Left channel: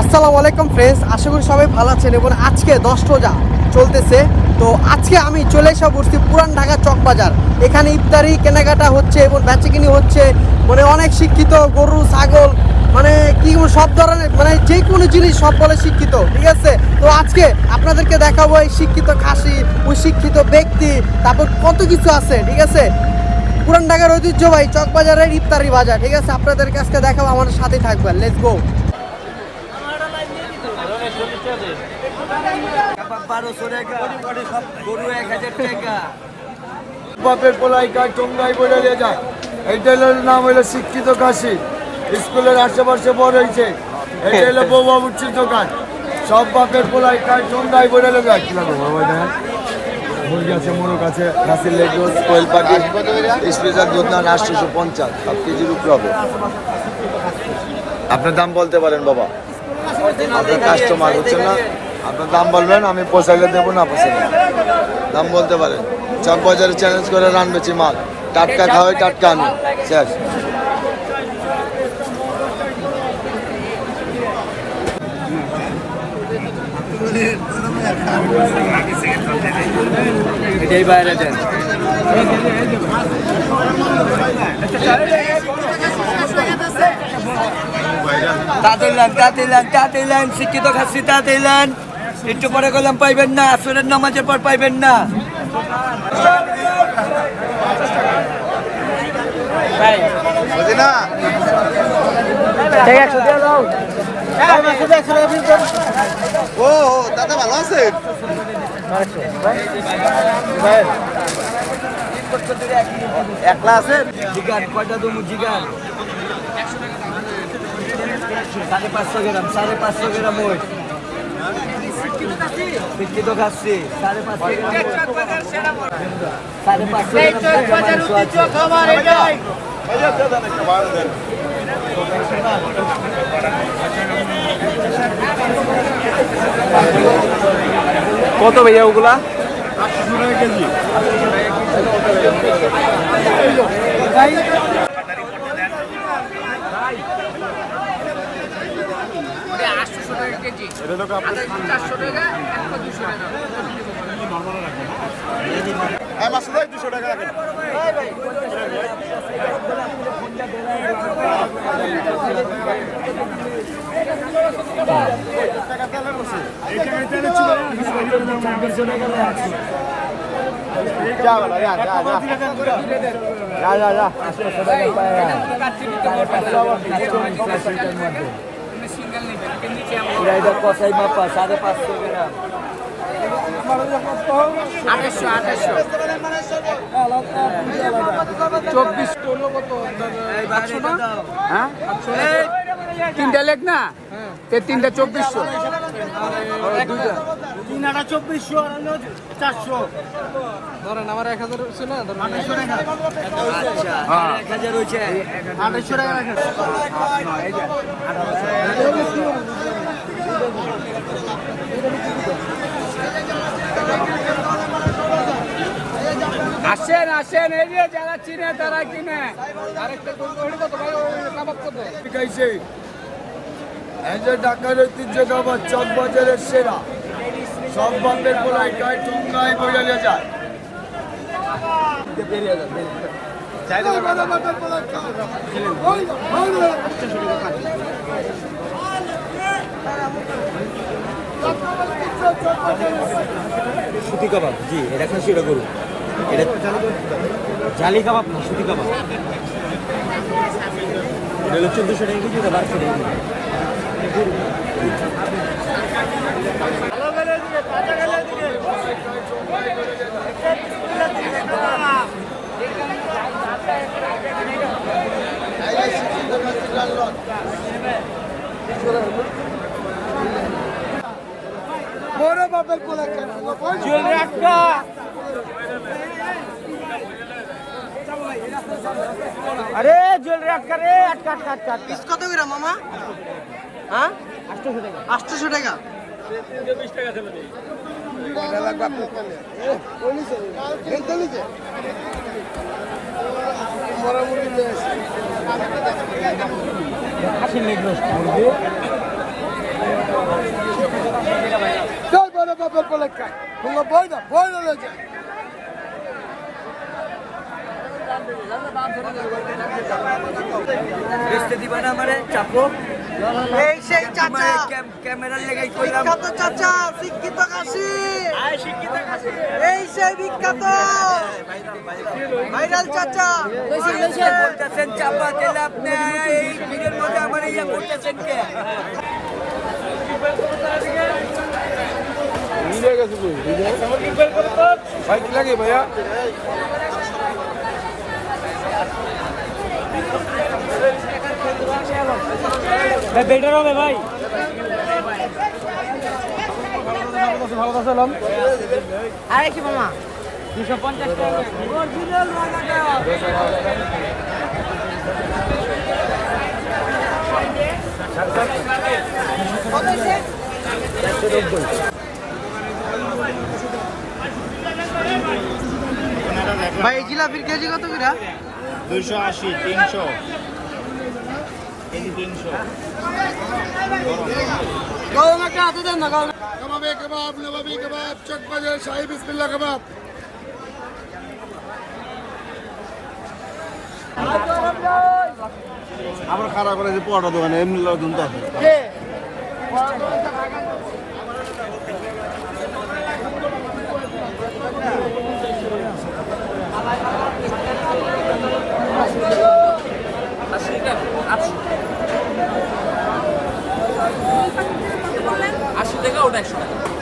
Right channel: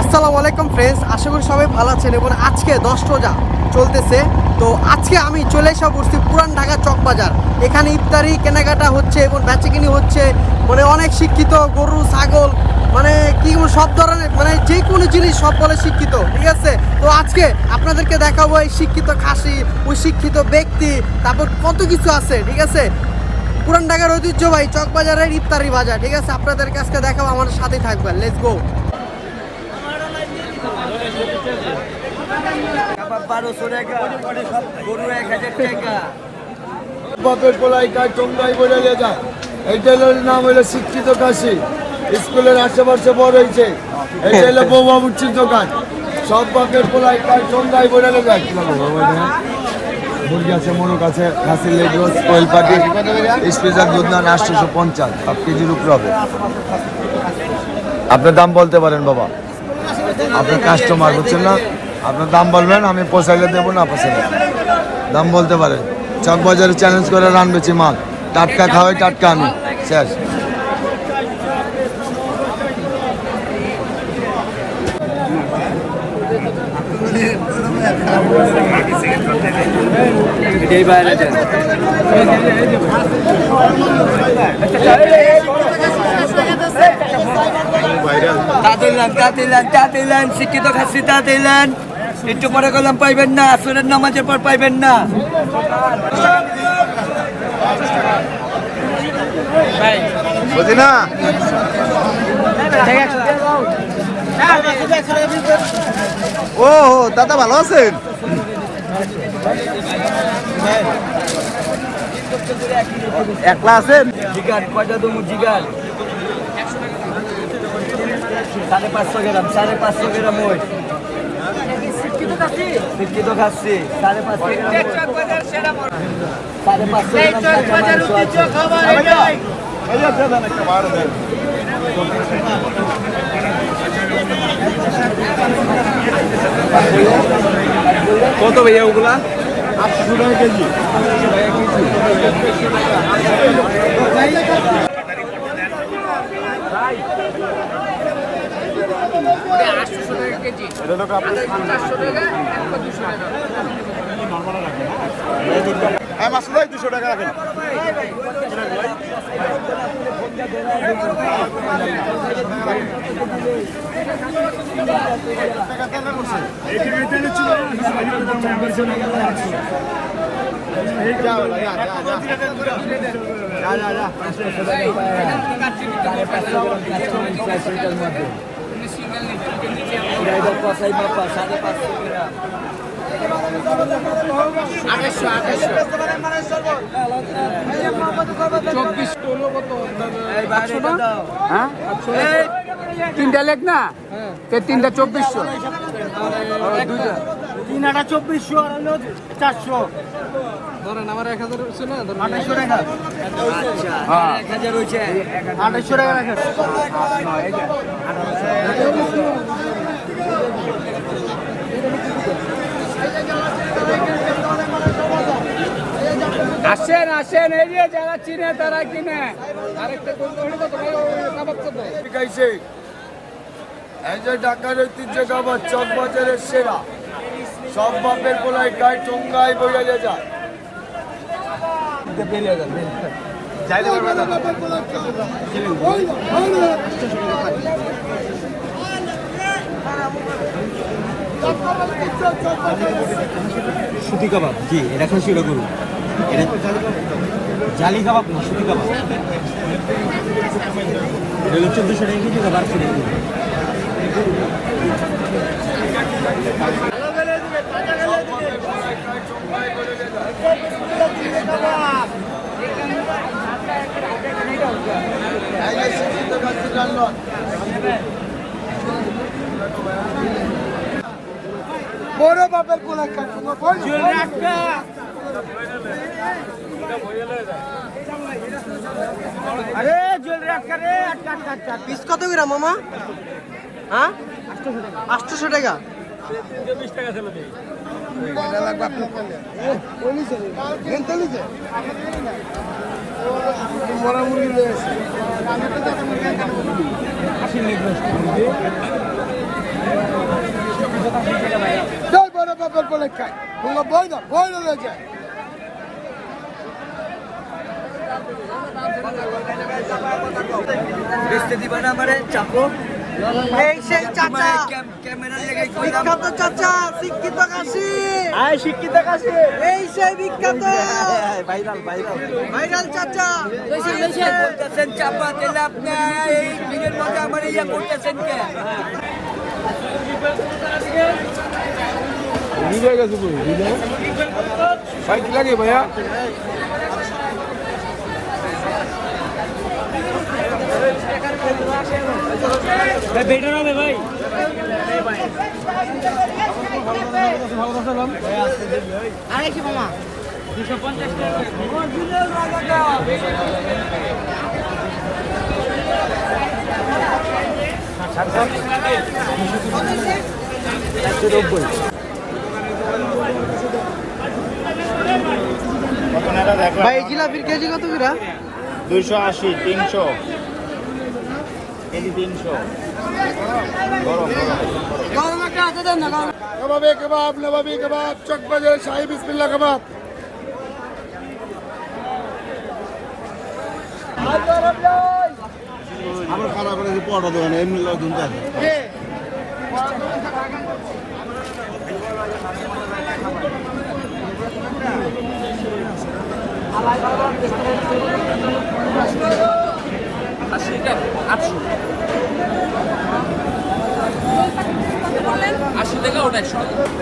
আসসালামু আলাইকুম ফ্রেন্ডস, আশা করি সবাই ভালো আছেন এবং আজকে 10 রোজা চলতেছে। তো আজকে আমি চলে এসে পড়ছি পুরান ঢাকা চক বাজার। এখানে ইফতারি কেনাকাটা হচ্ছে এবং বেচাকিনি হচ্ছে, মানে অনেক শিক্ষিত গরু ছাগল, মানে কি সব ধরনের, মানে যে কোনো জিনিস সব বলে শিক্ষিত, ঠিক আছে। তো আজকে আপনাদেরকে দেখাবো এই শিক্ষিত খাসি, ওই শিক্ষিত ব্যক্তি, তারপর কত কিছু আছে, ঠিক আছে। পুরান ঢাকার ঐতিহ্যবাহী চক বাজারের ইফতারি বাজার, ঠিক আছে, আপনাদেরকে আজকে দেখাবো, আমাদের সাথেই থাকবেন। Let's go. বাপের পোলাই কাজ তোমরাই বলে নিয়ে যায়। এইটা নাম হইলো শিক্ষিত কাশি, স্কুলের আশেপাশে বড় হয়েছে। এইটা হলো বউ বাবুচির দোকান। সব বাপের পোলাই কাজ তোমরাই বলে নিয়ে যায়। কি লাগবে বাবা? এটা মুরগি আছে, মোরগ আছে, খাসির লেগ রোজ, আপনার দাম বলতে পারেন বাবা। আপনার দাম বলবেন, আমি পোষাইলে দেবো না। দাম বলতে পারেন। চক বাজারে চ্যালেঞ্জ করে রান্নেছি মাল, টাটকা খাওয়াই, টাটকা আনি। এটাই বাইরে দেন। তাতেইলেন শিক্ষিত খাসি, তাতেইলেন একটু পরে গেলাম পাইবেন না, আসরের নামাজের পর পাইবেন না। দাদা ভালো আছে? জিগার কয়টা দমু? জিগার 550 গ্রাম, 550 গ্রাম ওই শিক্ষিত খাচ্ছি, 550 গ্রাম, 550 গ্রাম কাঁচা মাংস আছে। কত ভাইয়া ওগুলা? 800 টাকা কেজি। 800 টাকা কেজি। এটা তো আপনি 400 টাকা, 200 টাকা নরমাল রাখবেন না? 200 টাকা রাখেন। কষাই বাপা 550 গ্রাম, 2800। 3টা লেগ না, 3টা 2400, 3টা 2400 আর 400 ধরেন। আমার 1000 ছিল না, 2800 টাকা। আচ্ছা 1000 হইছে, 2800 টাকা রাখেন। আসেন আসেন, এই যে যারা চিনে তারা কিনে। এই যে ঢাকার ঐতিহ্য খাবার চক বাজারের সেরা, সব বাপের পোলাই খায় তোমরাই বলে নিয়ে যায়। সুতি কাবাব, জি এটা খুশি করুন। এটা জালি কাবাব না, সুতি কাবাব। 1400 টাকা কেজি, 1200 টাকা কেজি। বড় বাপের পোলাই আরে জল রাখা রে, আটকা পিস কত গ্রাম মামা? হ্যাঁ 800 টাকা। তোমরা বই রয়েছে এই সেই চাচা, ক্যামেরার লেগে বিখ্যাত চাচা, শিক্ষিত কাশি। শিক্ষিত কাছে এই সেই বিখ্যাত ভাইরাল চাচা। বলতেছেন চাপা তেলে আপনি এই ভিড়ের মধ্যে আমার ইয়া করতেছেন কে? বেটার হবে ভাই। ভালো কথা আরে কি মামা, 250 টাকা। ভাই জিলাপির কেজি কত করে? 280, 300 কেজি 300। कबाब कबाब नवाबी कबाब चक बजे शाही बिस्मिल्लाह कबाब আমার খারাপ করে যে পড়া দোকানে এমনি লোকজন তো আছে। 80 টাকা ওটা 100 টাকা।